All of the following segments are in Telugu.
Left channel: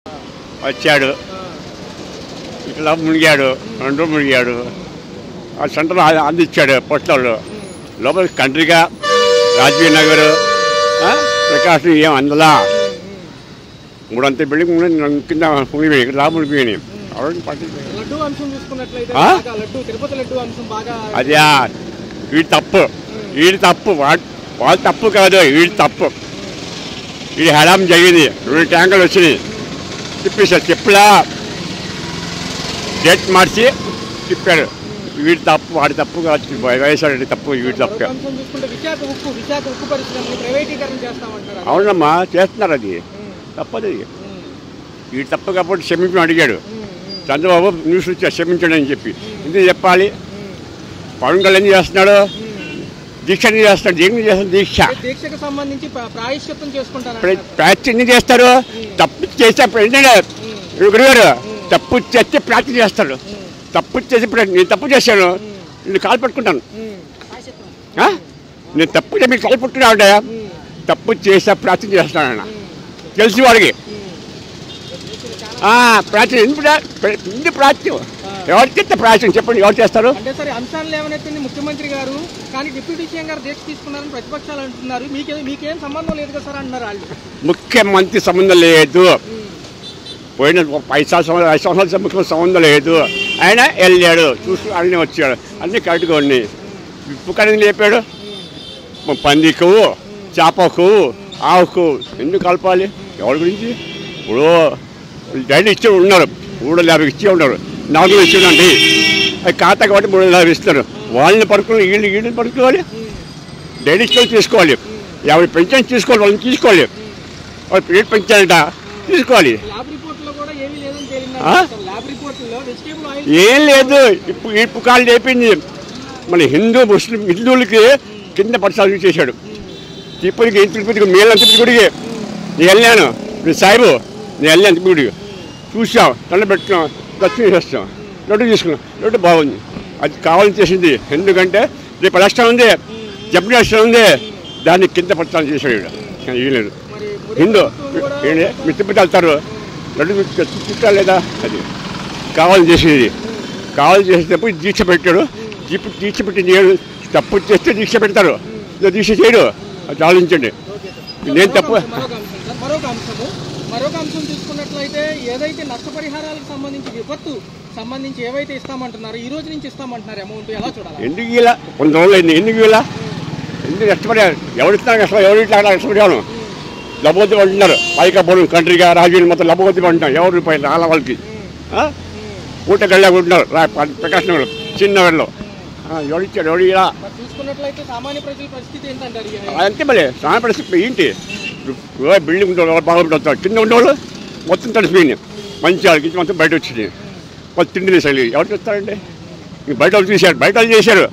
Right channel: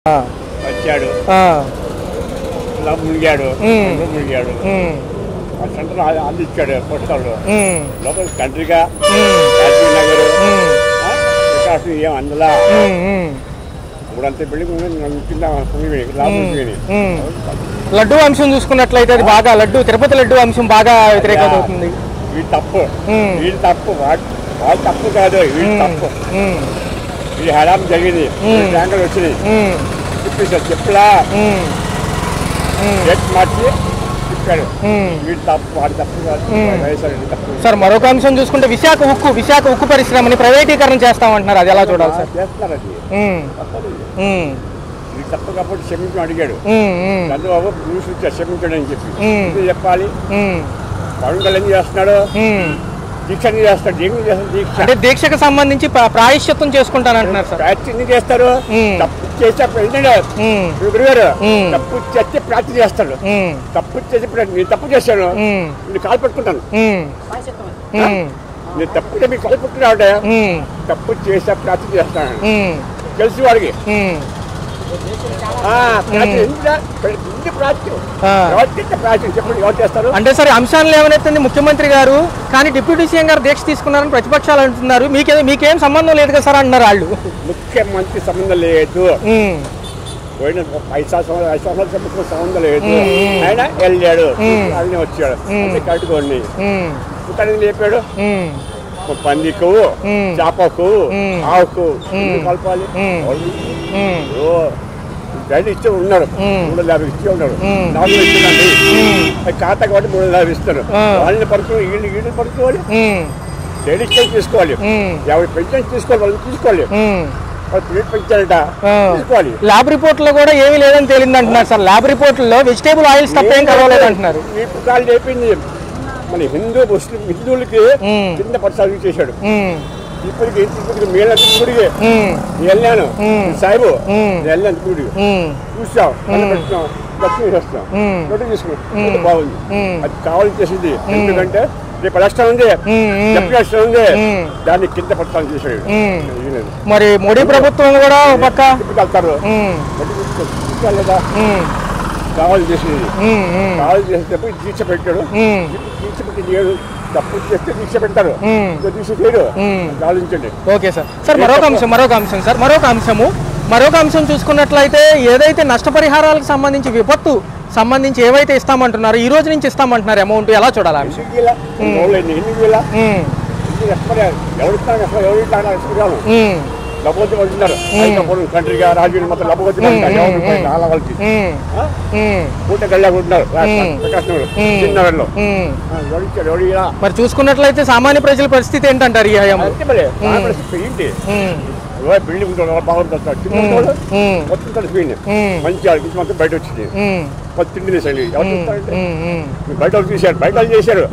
వచ్చాడు, మునిగాడు, రెండు మునిగాడు. ఆ సెంటర్ అందించాడు పోస్టర్లు. లోపల కంట్రీగా రాజీవ్ నగర్ ప్రకాశం ఏం అందలా 300 బిల్డింగ్ కింద రాముడిపోయినాయి. లడ్డు అంశం చూసుకున్నట్లయితే బాగా తిరుపతి లడ్డు అంశం బాగా వీడి తప్పు, వాళ్ళు తప్పు కాదు, వీడి తప్పు. ఇది హడాం జరిగింది, 2 ట్యాంకులు వచ్చినాయి, తిప్పేశారు. చెప్పులా డేట్ మార్చి తిప్పారు. వీడి తప్పు, వాడి తప్పు కాదు, వైఎస్ఆర్ తప్పు. మరొక అంశం చూసుకుంటే విశాఖ ఉక్కు పరిశ్రమని ప్రైవేటీకరణ చేస్తామంటున్నారు. అది ఎలా చేస్తున్నారు? అది తప్పదు. వీడు తప్పు కాబట్టి క్షమించడం అడిగాడు చంద్రబాబు. న్యూస్ క్షమించడం అని చెప్పి ఇది చెప్పాలి. పవన్ కళ్యాణ్ చేస్తున్నాడు, దీక్ష చేస్తాడు. దీక్షకు సంబంధించి ప్రాయశ్చిత్తం చేసుకుంటానంటున్నారు. ప్రాయశ్చిత్తం చేస్తారు. తప్పు చేస్తే తప్పు చేస్తే ప్రార్థన చేస్తాడు. తప్పు చేసి నేను తప్పు చేశాను, నేను కాలు పట్టుకుంటాను. నేను తప్పు మీరు కాలు పట్టుకున్నా తప్పు చేస్తే ప్రార్థన చేస్తాను తెలిసి వాడికి. చెప్పండి, ఎవరు చేస్తారు అంటే సరే అంశాలు ఏమైనా ముఖ్యమంత్రి గారు కానీ డిప్యూటీ సీఎం గారు దీక్ష తీసుకున్నారని ప్రతిపక్షాలు అంటున్నారు. మీకేం సంబంధం లేదు కదా సార్ అంటున్నారు వాళ్ళు. ముఖ్యమంత్రి సంబంధం లేదు, పోయిన 5 సంవత్సరాల సంబంధం లేదు. ఆయన వెళ్ళాడు, అన్నీ వచ్చాడు, అన్ని కరెక్ట్గా ఉన్నాయి. ఉప్పు లేపాడు. పందికు, చేపకు, ఆవుకు ఎందుకు కలపాలి? ఎవరి గురించి? ఇప్పుడు డైలీ ఇచ్చి ఉన్నారు, 350 ఇచ్చి ఉన్నారు, 4 ఇచ్చిందండి. ఖాతా కాబట్టి 350 ఇస్తారు. వాళ్ళని పడుకుని వీళ్ళని పడుకోవాలి, డైలీ ఇచ్చి తీసుకోవాలి. ఎవరి పెన్షన్ తీసుకోవాలి, వాళ్ళని తీసుకోవాలి. పెంచాలట తీసుకోవాలి. ల్యాబ్ రిపోర్ట్ లో కూడా ఏమీ లేదని తేలిందంటున్నారు సార్. ల్యాబ్ రిపోర్ట్ లో వెజిటేబుల్ ఆయిల్స్ ఈపు కాలు లేపింది. మన హిందువులకి కింద పరిసరాలు చేశాడు. తిరుపతికి మేలు తిరుగుడికి నేను వెళ్ళాను, సాయిబు నేను వెళ్ళాను తిరుగుడికి, చూసాం, నన్ను పెట్టాం, దర్శనం చేస్తాం, నోటు తీసుకున్నాం, నోటు బాగుంది. అది కావాలని చేసింది. ఎందుకంటే రేపు ఎలక్షన్ ఉంది, చెప్పిన ఎలక్షన్ ఉంది, దాన్ని కింద పట్టాలు చేసాడు. మరి మోడీ ప్రభుత్వం కూడా తిరుపతి వెళ్తారు, నోటు తీసుకెళ్ళలేదా? కావాలని చేసేది. కావాలని చేసేటప్పుడు దీక్ష పెట్టాడు. దీక్ష పెట్టి నేను తప్పు చేస్తే దీక్ష పెడతారు, దీక్ష చేయడు. ఆలోచించండి. Okay sir. మరొక అంశం చూసుకున్నట్లయితే ఏదైతే నష్టపరిహారాలకు సంబంధించి విపత్తు సంబంధించి ఏవైతే ఇస్తామంటున్నారు, ఈ రోజు నుంచి ఇస్తామంటున్నారు అమౌంట్, ఎలా చూడాలి? ఎందుకు ఇలా కొన్ని రోజులు ఎందుకు ఇలా ఎందుకు నష్టపరిహారం ఎవరు ఇస్తున్నారు? ఎవరు ఇట్లా నష్టపరిహారం లభోతి అంటున్నారు. అయికపోవడం కంట్రీగా రాజీవ్ మొత్తం లభోతి అంటారు. ఎవరు రూపాయలు చాలా వాళ్ళకి ఊట కళ్ళకుంటున్నారు. ప్రకాశం చిన్నవాళ్ళు ఎవరు ఇచ్చాడు? ఎవరు ఇలా? మరి చూసుకున్నట్లయితే సామాన్య ప్రజల పరిస్థితి ఏంటంటారు? ఏంటి బిల్డింగ్ బాగుంటుంది, కింద ఉండేవాళ్ళు మొత్తం తడిసిపోయింది. మంచి వాళ్ళకి మొత్తం బయట వచ్చింది. తిండి వేసాలి. ఎవరు చూస్తారంటే మీ బయట వాళ్ళు తీశారు, బయట వాళ్ళు చేశారు,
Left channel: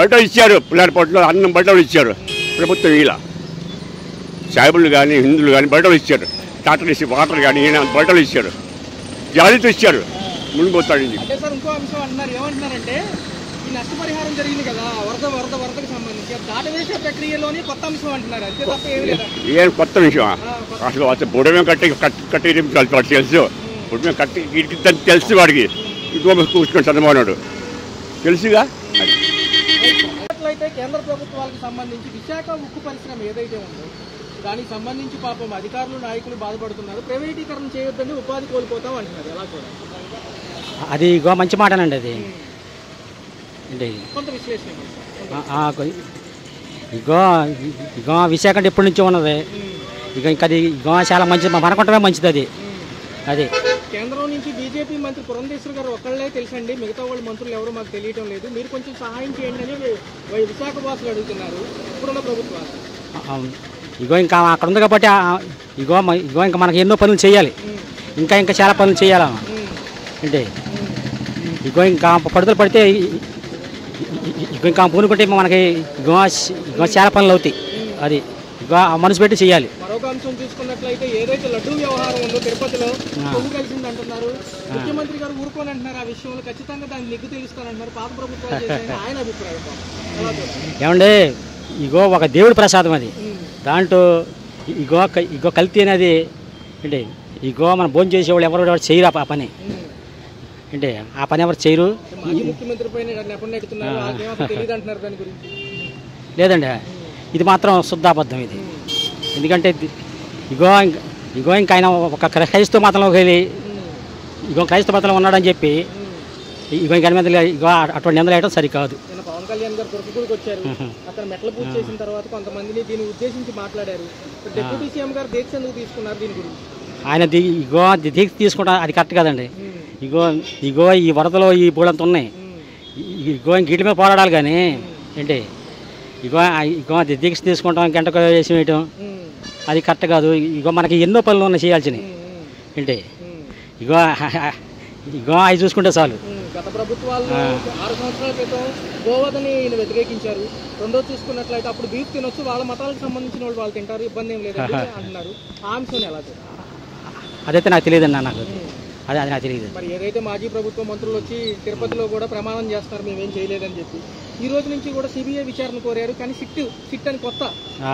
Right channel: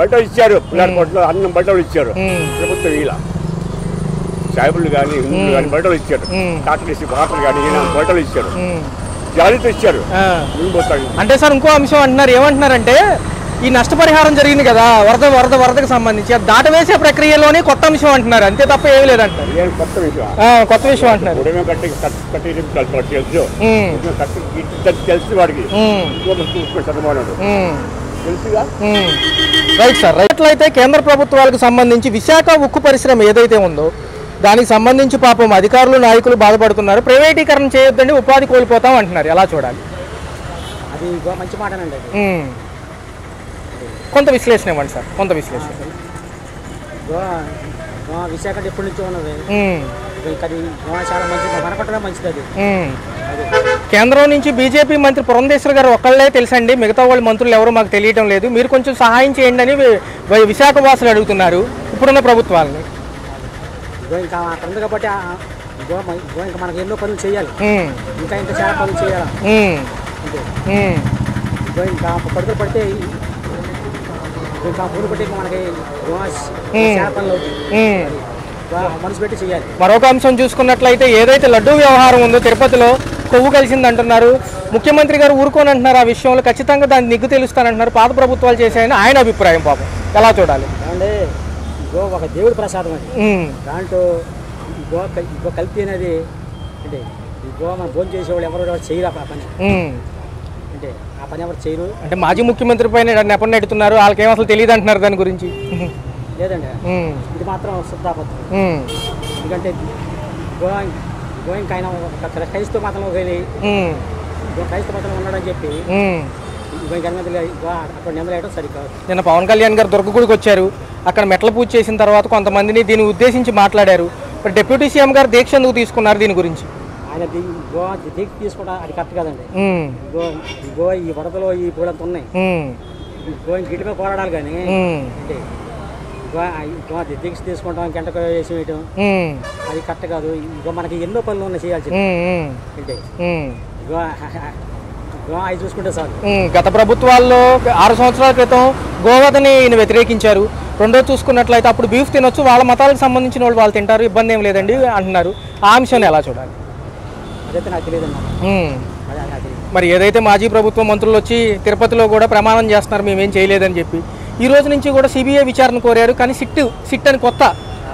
బయట ఇచ్చారు. పిల్లల పొట్టలో అన్నం బయట వాళ్ళు ఇచ్చారు. ప్రభుత్వం ఇలా సాయిబులు కానీ హిందువులు కానీ బయటలు ఇచ్చారు. డాక్టర్ ఇచ్చి వాటర్ కానీ బయటలు ఇచ్చారు, జాలీతో ఇచ్చారు. అంటే సార్ ఇంకో అంశం అంటున్నారు, ఏమంటున్నారంటే ఈ నష్టపరిహారం జరిగింది కదా వరదకు సంబంధించి దాటవేసే ప్రక్రియలోనే కొత్త అంశం అంటున్నారు, అంతే తప్ప ఏమీ లేదంటారు. ఏం కొత్త విషయం? ఉడమే కట్టి తెలుసు, తెలుసు వాడికి కూర్చుని చంద్రబాబు తెలుసుగా. Right sir. రైట్లయితే కేంద్ర ప్రభుత్వాలకు సంబంధించి విశాఖ ఉక్కు పరిశ్రమ ఏదైతే ఉందో దానికి సంబంధించి పాపం అధికారులు నాయకులు బాధపడుతున్నారు. ప్రైవేటీకరణ చేయొద్దండి, ఉపాధి కోల్పోతాం అంటున్నారు, ఎలా చూడాలి? అది మంచి మాటనండి. అది కొంత విశ్లేషణ ఇవ్వండి సార్. కొంత విశ్లేషణ. విశాఖ అంటే ఎప్పటి నుంచి ఉన్నది. ఇంకా అది చాలా మంచిది, మనకుంటమే మంచిది. అది కేంద్రం నుంచి బీజేపీ మంత్రి పురంధేశ్వర్ గారు ఒక్కళ్ళే తెలుసండి, మిగతా వాళ్ళ మంత్రులు ఎవరో మాకు తెలియటం లేదు, మీరు కొంచెం సహాయం చేయండి అని విశాఖ వాసులు అడుగుతున్నారు ఇప్పుడున్న ప్రభుత్వాలని. ఇంకా అక్కడ ఉంది కాబట్టి ఇంకా మనకి ఎన్నో పనులు చేయాలి, ఇంకా చాలా పనులు చేయాలి. అంటే ఇంకా పడుదలు పడితే ఇంకా పూనుకుంటే మనకి చాలా పనులు అవుతాయి. అది మనసు పెట్టి చేయాలి. మరొక అంశం చూసుకున్నట్లయితే ఏదైతే లడ్డూ వ్యవహారం ఉందో తిరుపతిలో కొవ్వు కలిసింది అంటున్నారు, ముఖ్యమంత్రి గారు ఊరుకోని అంటున్నారు. ఆ విషయంలో ఖచ్చితంగా దాన్ని నిగ్గు తెలుస్తానంటున్నారు. పాత ప్రభుత్వాలు చేశాయని ఆయన అభిప్రాయం. పాపం ఎలా చూడాలి? ఏమండి, ఒక దేవుడి ప్రసాదం అది. దాంట్లో కల్తీ అనేది అంటే ఇగో మనం భోజనం చేసేవాళ్ళు ఎవరు చేయరు ఆ పని అంటే ఆ పని ఎవరు చేయరు. అంటే మాజీ ముఖ్యమంత్రి పైన నెపం నెడుతున్నారు, వాళ్ళకేం అసలు తెలియదు అంటున్నారు దాని గురించి. లేదండి, ఇది మాత్రం శుద్ధాబద్ధం ఇది. ఎందుకంటే ఇగో ఇంకా ఆయన ఒక క్రైస్తవ మతంలోకి వెళ్ళి ఇగో క్రైస్తవ మతంలో ఉన్నాడని చెప్పి ఇగో ఇంక మీద ఇగో అటువంటి నిందలు వేయడం సరికాదు. నిన్న పవన్ కళ్యాణ్ గారు దుర్గగుడికి వచ్చారు, అక్కడ మెట్ల పూజ చేసిన తర్వాత కొంతమందిని దీన్ని ఉద్దేశించి మాట్లాడారు. డిప్యూటీ సీఎం గారు దీక్ష ఎందుకు తీసుకున్నారు దీని గురించి? ఆయన ఇగో దీక్ష తీసుకుంటా అది కరెక్ట్ కాదండి. ఇగో ఈ వరదలో ఈ బోడంత ఉన్నాయి, ఇగో ఇంక వీటి మీద పోరాడాలి కానీ ఏంటి ఇగో దీక్ష తీసుకుంటాం గంటకు వేసి వేయటం అది కరెక్ట్ కాదు. ఇగో మనకి ఎన్నో పనులు ఉన్నాయి చేయాల్సింది ఏంటి ఇగో అవి చూసుకుంటే చాలు. గత ప్రభుత్వాల్లో 6 సంవత్సరాల క్రితం గోవధని ఈయన వ్యతిరేకించారు. రెండో చూసుకున్నట్లయితే అప్పుడు బీఫ్ తినొచ్చు, వాళ్ళ మతాలకు సంబంధించిన వాళ్ళు తింటారు, ఇబ్బంది ఏం లేదండి అంటున్నారు. ఆ అంశాన్ని ఎలా చూడాలి? అదైతే నాకు తెలియదండి అన్న, అది నాకు తెలియదు. మరి ఏదైతే మాజీ ప్రభుత్వ మంత్రులు వచ్చి తిరుపతిలో కూడా ప్రమాణం చేస్తున్నారు మేమేం చేయలేదని చెప్పి, ఈ రోజు నుంచి కూడా సిబిఐ విచారణ కోరారు, కానీ సిట్ అని కొత్త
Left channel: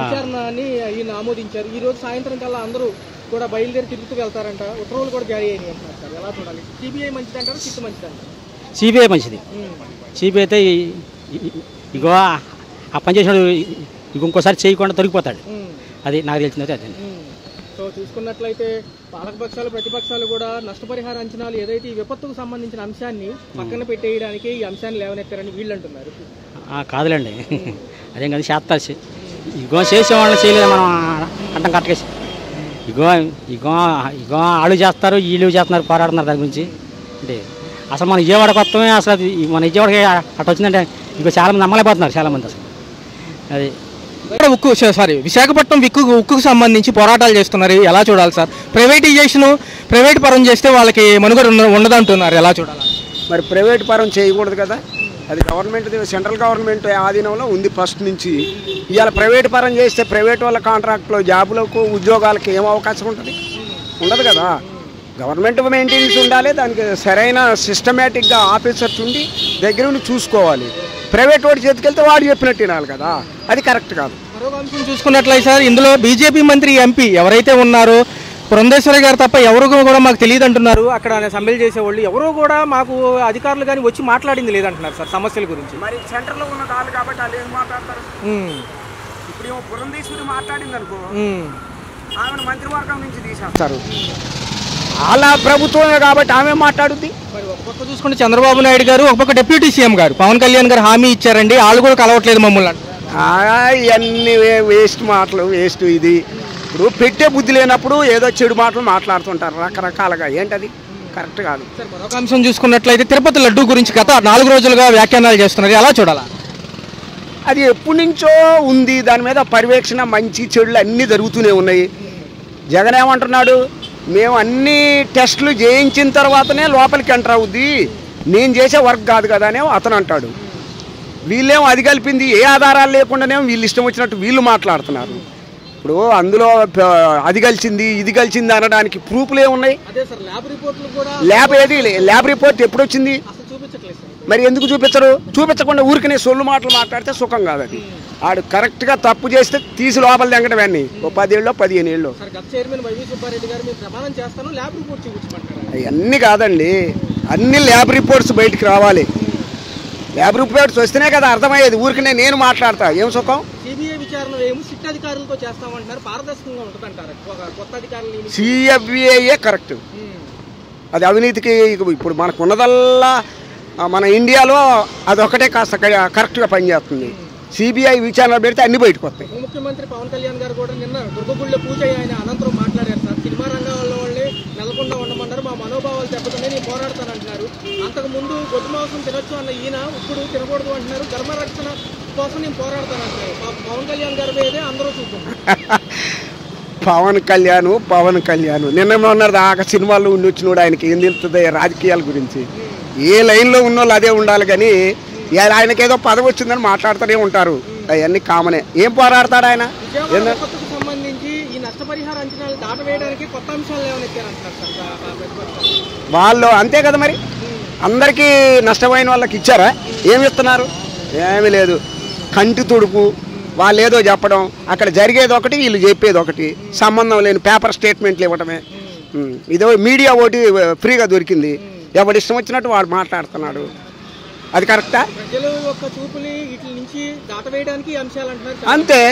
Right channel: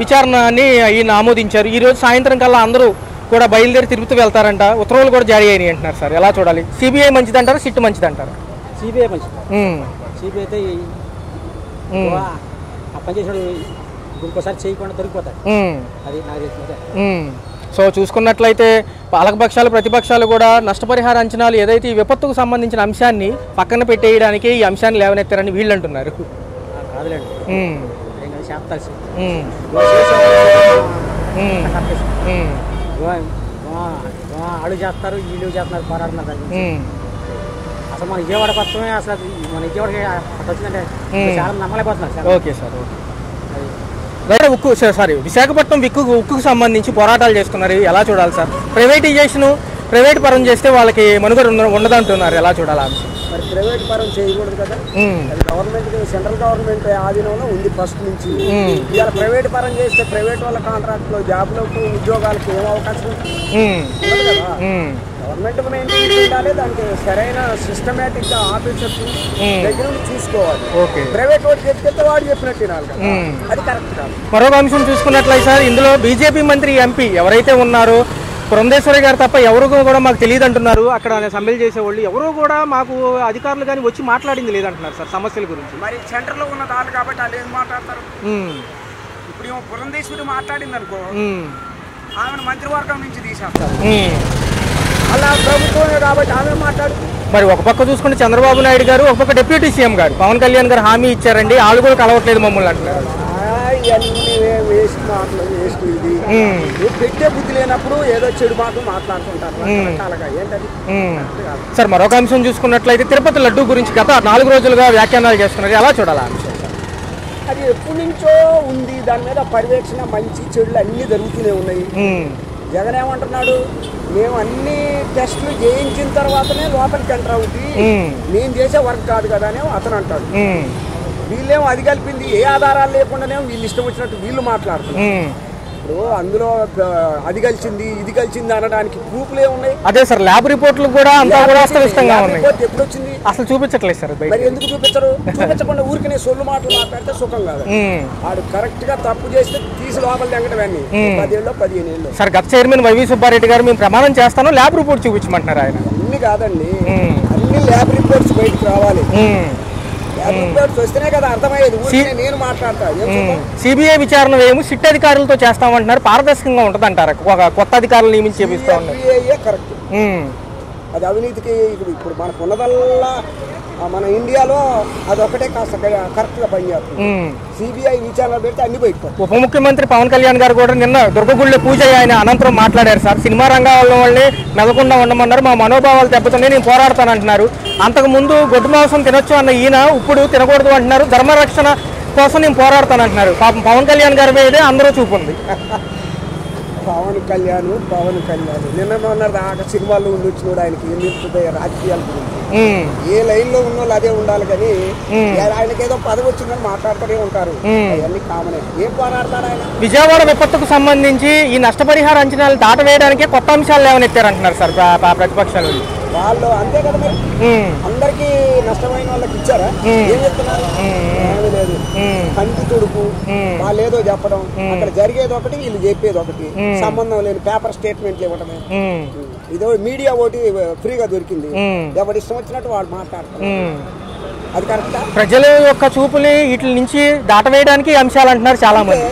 విచారణని ఈయన ఆమోదించారు. ఈ రోజు సాయంత్రం కల్లా అందరూ కూడా బయలుదేరి తిరుగుతూ వెళ్తారంట, ఉత్తర్వులు కూడా జారీ అయినాయి అంటున్నారు. సార్ ఎలా చూడాలి? సిబిఐ మంచిది అంటారు, సిట్ మంచిది అంటారు? సిబిఐ మంచిది. సిబిఐ అయితే ఆ పని చేసినాడు ఇంకోసారి చేయకుండా తొలగిపోతాడు, అది నాకు తెలిసింది. సో చూసుకున్నట్లయితే పాలకపక్షాలు ప్రతిపక్షాలు కూడా నష్టపరిహార అంచనాలు ఏదైతే ఈ విపత్తుకు సంబంధించిన అంశాన్ని పక్కన పెట్టేయడానికి ఈ అంశాన్ని లేవనెత్తారని వీళ్ళు అంటున్నారు. కాదులేండి, అదేం కదా చేస్తారు, ఇగో చేసేవాళ్ళు చేయలేదు కట్టకేసి ఇగో ఇగో ఇగో వాళ్ళు చేస్తారు వీళ్ళు చేస్తున్నారు, పోరాడుతున్నారు దాని గురించి. అంటే అసలు మన విజయవాడకి వస్తామే, అసలు మన విజయవాడకి అట్లా వచ్చిందంటే చాలా మంది నమ్మలేకపోతున్నారు చాలా. ఓకే సార్, అది ఉక్కు విశాఖపట్నం ఉక్కుకు సంబంధించి పోరాటాలు చేస్తున్నారు, ఎలా చూడాలి సార్? ప్రైవేట్ పరం చేస్తే వాళ్ళకి మనుగడ ఉండదంటున్నారు, ఎలా చూడాలి? మరి ప్రైవేట్ పరం చేయకూడదు కదా, అది గవర్నమెంట్ సెంట్రల్ గవర్నమెంట్ ఆధీనంలో ఉంది ఫస్ట్ నుంచి. ఇవాళ ప్రైవేట్ పరం చేస్తే ప్రైవేట్ వాళ్ళ కాంట్రాక్ట్లో జాబులకు ఉద్యోగాలకు ఏం అవకాశం ఉంటుంది? ఉండదు కదా. గవర్నమెంట్ మెయింటెనెన్స్ ఉండాలి, దానికి సరైన సిస్టమేటిక్ గా ఆఫీసర్స్ ఉండి దగ్గర ఉండి చూసుకోవాలి. ప్రైవేట్ వాడి చేతికెళ్తే వాడు చెప్పినట్టు వినాలి కదా, అది కరెక్ట్ కాదు. మరొక అంశం చూసుకున్నట్లయితే సార్, ఇందులో బీజేపీ మంత్రి ఎంపీ ఎవరైతే ఉన్నారో పురంధేశ్వరి గారు తప్ప ఎవరు కూడా మాకు తెలియదు అంటున్నారు. అక్కడ సమ్మెలు చేసేవాళ్ళు ఎవరో కూడా మాకు అధికారులు కానీ వచ్చి మాట్లాడింది లేదంటున్నారు సార్ సమస్యల గురించి. మరి సెంటర్ లో ఉన్న వాళ్ళు కాబట్టి వాళ్ళు ఏం మాట్లాడతారు? ఇప్పుడు ఏమో పురంధేశ్వరి మాట్లాడింది అనుకో, ఆమెను మంత్రివర్గం నుంచి తీసేస్తారు. అలా ప్రభుత్వమే కాబట్టి ఆమె మాట్లాడుతుంది. మరి ఒక పక్క చూసుకుంటే చంద్రబాబు నాయుడు గారు, ఒక పక్క డిప్యూటీ సీఎం గారు పవన్ కళ్యాణ్ గారు హామీ ఇచ్చారండి, వాళ్ళు కూడా కలవట్లేదు మమ్మల్ని అంటున్నారు. ఇవన్నీ వేస్ట్ మాటలు, వేస్ట్. ఇది ఇప్పుడు పెట్టే బుద్ధి లేనప్పుడు ఏదో చెడు మాటలు మాట్లాడుతుంటారు రకరకాలుగా, ఏంటది కరెక్ట్ కాదు సార్. మరొక అంశం చూసుకున్నట్లయితే తిరుపతి లడ్డు గురించి గత 4 రోజులుగా వ్యాఖ్యానాలు చేస్తున్నారు, ఎలా చూడాలా? అది ఎప్పటి నుంచో ఉంది, దాని మీద పర్యవేక్షణ మంచి చెడులు అన్ని జరుగుతూనే ఉన్నాయి. జగన్ ఏమంటున్నాడు, మేము అన్ని టెస్టులు చేయించిన తర్వాతనే లోపలికి ఎంటర్ అవుద్ది, నేను చేసే వర్క్ కాదు కదా అని అతను అంటాడు. వీళ్ళేమో అది కలిపింది, ఏ ఆధారాలు లేకుండానేమో వీళ్ళు ఇష్టం వచ్చినట్టు వీళ్ళు మాట్లాడుతున్నారు. ఇప్పుడు అందులో అది కలిసింది ఇది కలిసింది అనడానికి ప్రూఫ్లు ఏమున్నాయి? అదే సార్, ల్యాబ్ రిపోర్ట్లు కూడా. ల్యాబ్ రిపోర్ట్ ఎప్పుడు వచ్చింది? అసలు చూపించట్లేదు సార్. మరి ఎందుకు చూపించరు? చూపించకుండా ఊరికనే సొల్లు మాటలు మాట్లాడితే సుఖం కాదు. ఆడు కరెక్ట్ గా తప్పు చేస్తే తీసి లోపల తెంగడమని 10 ఏళ్ళు 15 ఏళ్ళు. సార్ గత చైర్మన్ వైవి సుబ్బారెడ్డి గారు మేము ప్రమాణం చేస్తాను, ల్యాబ్ రిపోర్ట్ చూపించమంటున్నారు. అన్ని కాదండి, అన్ని ల్యాబ్ రిపోర్ట్స్ బయటికి రావాలి. ల్యాబ్ రిపోర్ట్స్ వస్తేనే కదా అర్థమయ్యేది. ఊరికనే నేను మాట్లాడతా ఏం సుఖం? సిబిఐ విచారణ వేము సిట్ అధికారులతో చేస్తామంటున్నారు, పారదర్శకంగా ఉంటుంది అంటారు. ఒక కొత్త అధికారులు నియమించి సిబిఐ కరెక్ట్, అది అవినీతికి ఇప్పుడు మనకు ఉన్నదల్లా మన ఇండియాలో అదొకటే కాస్త కరెక్ట్ గా పనిచేస్తుంది. సిబిఐ విచారణ పెడితే అన్ని బయటపోతాయి. ఉప ముఖ్యమంత్రి పవన్ కళ్యాణ్ గారు కూడా నిన్న దుర్గగుళ్ళ పూజ ఆయన అనంతరం మాట్లాడారు సార్. సినిమా రంగాల వాళ్ళని మెదకుండా ఉండమన్నారు, మా మనోభావాలు దెబ్బతున్నాయి, నేను పోరాడతానంటున్నారు. అంతకు ముందు గొడ్డు మాంసం తినొచ్చు అన్న ఈయన ఇప్పుడు తినకూడదు అంటున్నారు, ధర్మరక్షణ కోసం నేను పోరాడతానంటున్నారు. పాపం పవన్ కళ్యాణ్ గారి మీదే అందరూ చూపుంది. పవన్ కళ్యాణ్ నిన్న ఉన్నారు దాకా సినిమాల్లో ఉండి వచ్చినోడు, ఆయనకి ఏం తెలుస్తుంది రాజకీయాల గురించి? ఏ లైన్ లో ఉన్నోళ్ళు అదే ఉండాలి కానీ ఆయనకేదో పదవి వచ్చిందని మాట్లాడుతూనే ఉంటారు, అవన్నీ కామనే. ఏం పోరాడతాడు ఆయన? విజయవాడ విపత్తుకు సంబంధించి ఈ నష్టపరిహార అంచనాలు దాటవేయడానికే కొత్త అంశాలు లేవనెత్తారంటున్నారు సార్ ప్రతిపక్షాలు. వాళ్ళు అంతే కదా మరి. అందరికీ నష్టమైన వాళ్ళకి ఇచ్చారా? ఏమి ఇస్తున్నారు? ఏమీ లేదు. కంటి తొడుపు, వాళ్ళు ఏదో చెప్పడం, అక్కడ జరిగేది ఒకటి, వీళ్ళు చెప్పేది ఒకటి, సంబంధం లేని పేపర్ స్టేట్మెంట్లు ఇవ్వటమే. ఇదో మీడియా ఒకటి ఫ్రీగా దొరికింది, ఎవరి ఇష్టం వచ్చినట్టు వాడు మాట్లాడుతున్నారు. అది కరెక్టా? ప్రజల యొక్క చూపుని వీటి నుంచి దాటవేయడానికి అంశాలు అంటున్నారు చాలా అంతే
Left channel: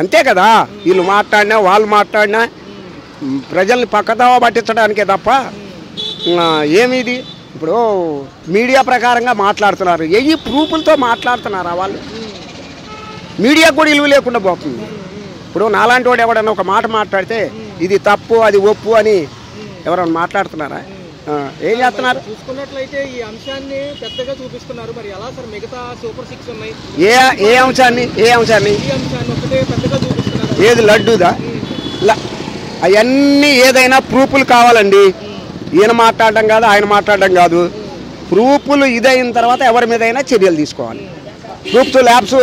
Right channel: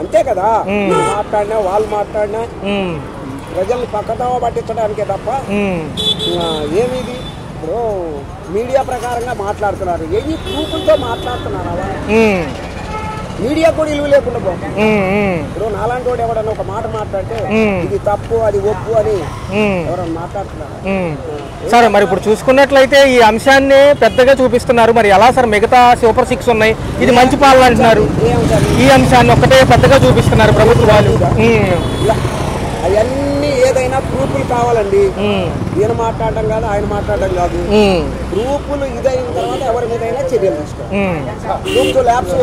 అంతే కదా. వీళ్ళు మాట్లాడినా వాళ్ళు మాట్లాడినా ప్రజల్ని పక్కదావ పట్టించడానికే తప్ప ఏమిది. ఇప్పుడు మీడియా ప్రకారంగా మాట్లాడుతున్నారు, ఏ ప్రూఫ్లతో మాట్లాడుతున్నారా వాళ్ళు? మీడియా కూడా విలువ లేకుండా పోతుంది. ఇప్పుడు నాలాంటి వాడు ఎవడన్నా ఒక మాట మాట్లాడితే ఇది తప్పు అది ఒప్పు అని ఎవరన్నా మాట్లాడుతున్నారా? సరే, మరి ఇప్పుడు చూసుకున్నట్లయితే ఈ అంశాన్ని పెద్దగా చూపిస్తున్నారు. మరి ఎలా సార్ మిగతా సూపర్ 6 ఉన్నాయి, ఈ అంశాన్ని ఒక్కటే పెద్దగా చూపిస్తున్నారు. ఏది లడ్డూదా? అవన్నీ ఏదైనా ప్రూఫ్లు కావాలండి. ఈయన మాట్లాడడం కాదు, ఆయన మాట్లాడడం కాదు. ప్రూఫ్లు ఇదైన తర్వాత ఎవరి మీద అయినా చర్యలు తీసుకోవాలి. ప్రూఫ్స్ ల్యాబ్స్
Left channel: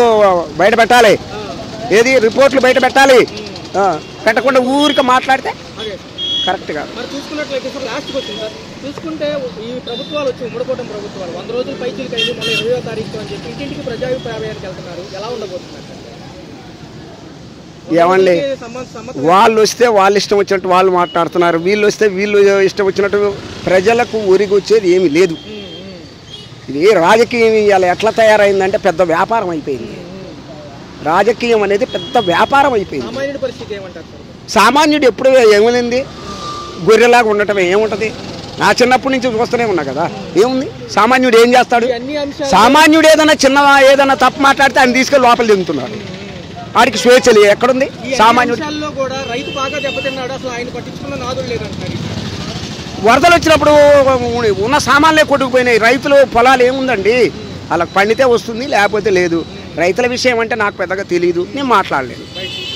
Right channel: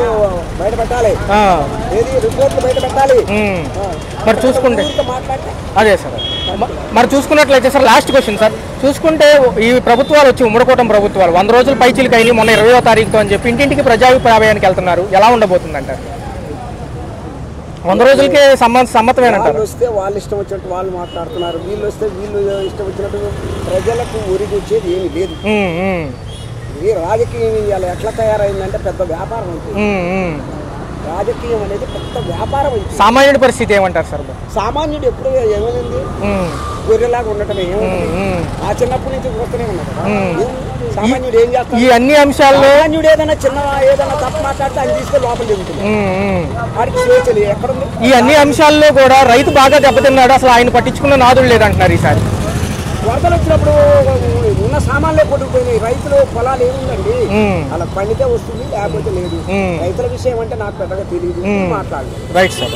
బయట పెట్టాలి, ఏది రిపోర్ట్లు బయట పెట్టాలి. పెట్టకుండా ఊరికి మాట్లాడితే అదే సార్ కరెక్ట్. మరి చూసుకున్నట్లయితే సార్ లాస్ట్ క్వశ్చన్ సార్, చూసుకుంటే ఈ ప్రభుత్వాలు వచ్చి ఉమ్మడికోవటం ప్రభుత్వాలు 100 రోజులు పైచీలకి అయినాయి, మొన్న 20వ తారీఖుతో అని చెప్పి ఇంటింటికి ప్రజాభిప్రాయానికి వెళ్తున్నారు. ఎలా ఉండబోతుంది అంటారు? 100 రోజులకే సమ్మతం. వాళ్ళు వస్తే వాళ్ళు ఇష్టం వచ్చినట్టు వాళ్ళు మాట్లాడుతున్నారు, వీళ్ళు వస్తే వీళ్ళు ఇష్టం వచ్చినట్టు. ప్రజలకు ఒరిగి వచ్చేది ఏమీ లేదు. ఇది రాజకీయం ఇవాళ ఎట్లా తయారైందంటే పెద్ద వ్యాపారం అయిపోయింది. రాజకీయం అనేది పెద్ద వ్యాపారం అయిపోయింది. సామాన్యుడి పరిస్థితి ఏమంటారు సార్? సామాన్యుడు ఎప్పుడు ఏమైంది? గొర్రెలాగా ఉండటమే. ఏముంటది? నా చిన్నప్పటి నుంచి చూస్తూనే ఉన్నా కదా. ఏముంది? సామాన్యుడు ఏం చేస్తాడు? ఈ అన్ని అంశాలు, సామాన్యుడు ఏదైనా ఏదైనా తప్పు మాట్లాడితే ఆయన తీసుకెళ్ళి లోపల దిగుతున్నాడు. వాడికి స్వేచ్ఛ ఎక్కడుంది? ఈ అన్ని అంశాల్లో కూడా రైతు బాగా దెబ్బతిన్నాడు, అసలు ఆయన పట్టించుకున్న నాదుడు లేదంటున్నారు. ఈసారి వరదలు వచ్చినప్పుడు ఉన్న సామాన్లే కొట్టుకుపోయినాయి. రైతులు పొలాలు ఏముందండి, అలా పండితే వస్తుంది, లేకపోతే లేదు. రైతుల విషయం అంటే నాకు పెద్దగా తెలియదు, నేను మాట్లాడలేదు. Right sir.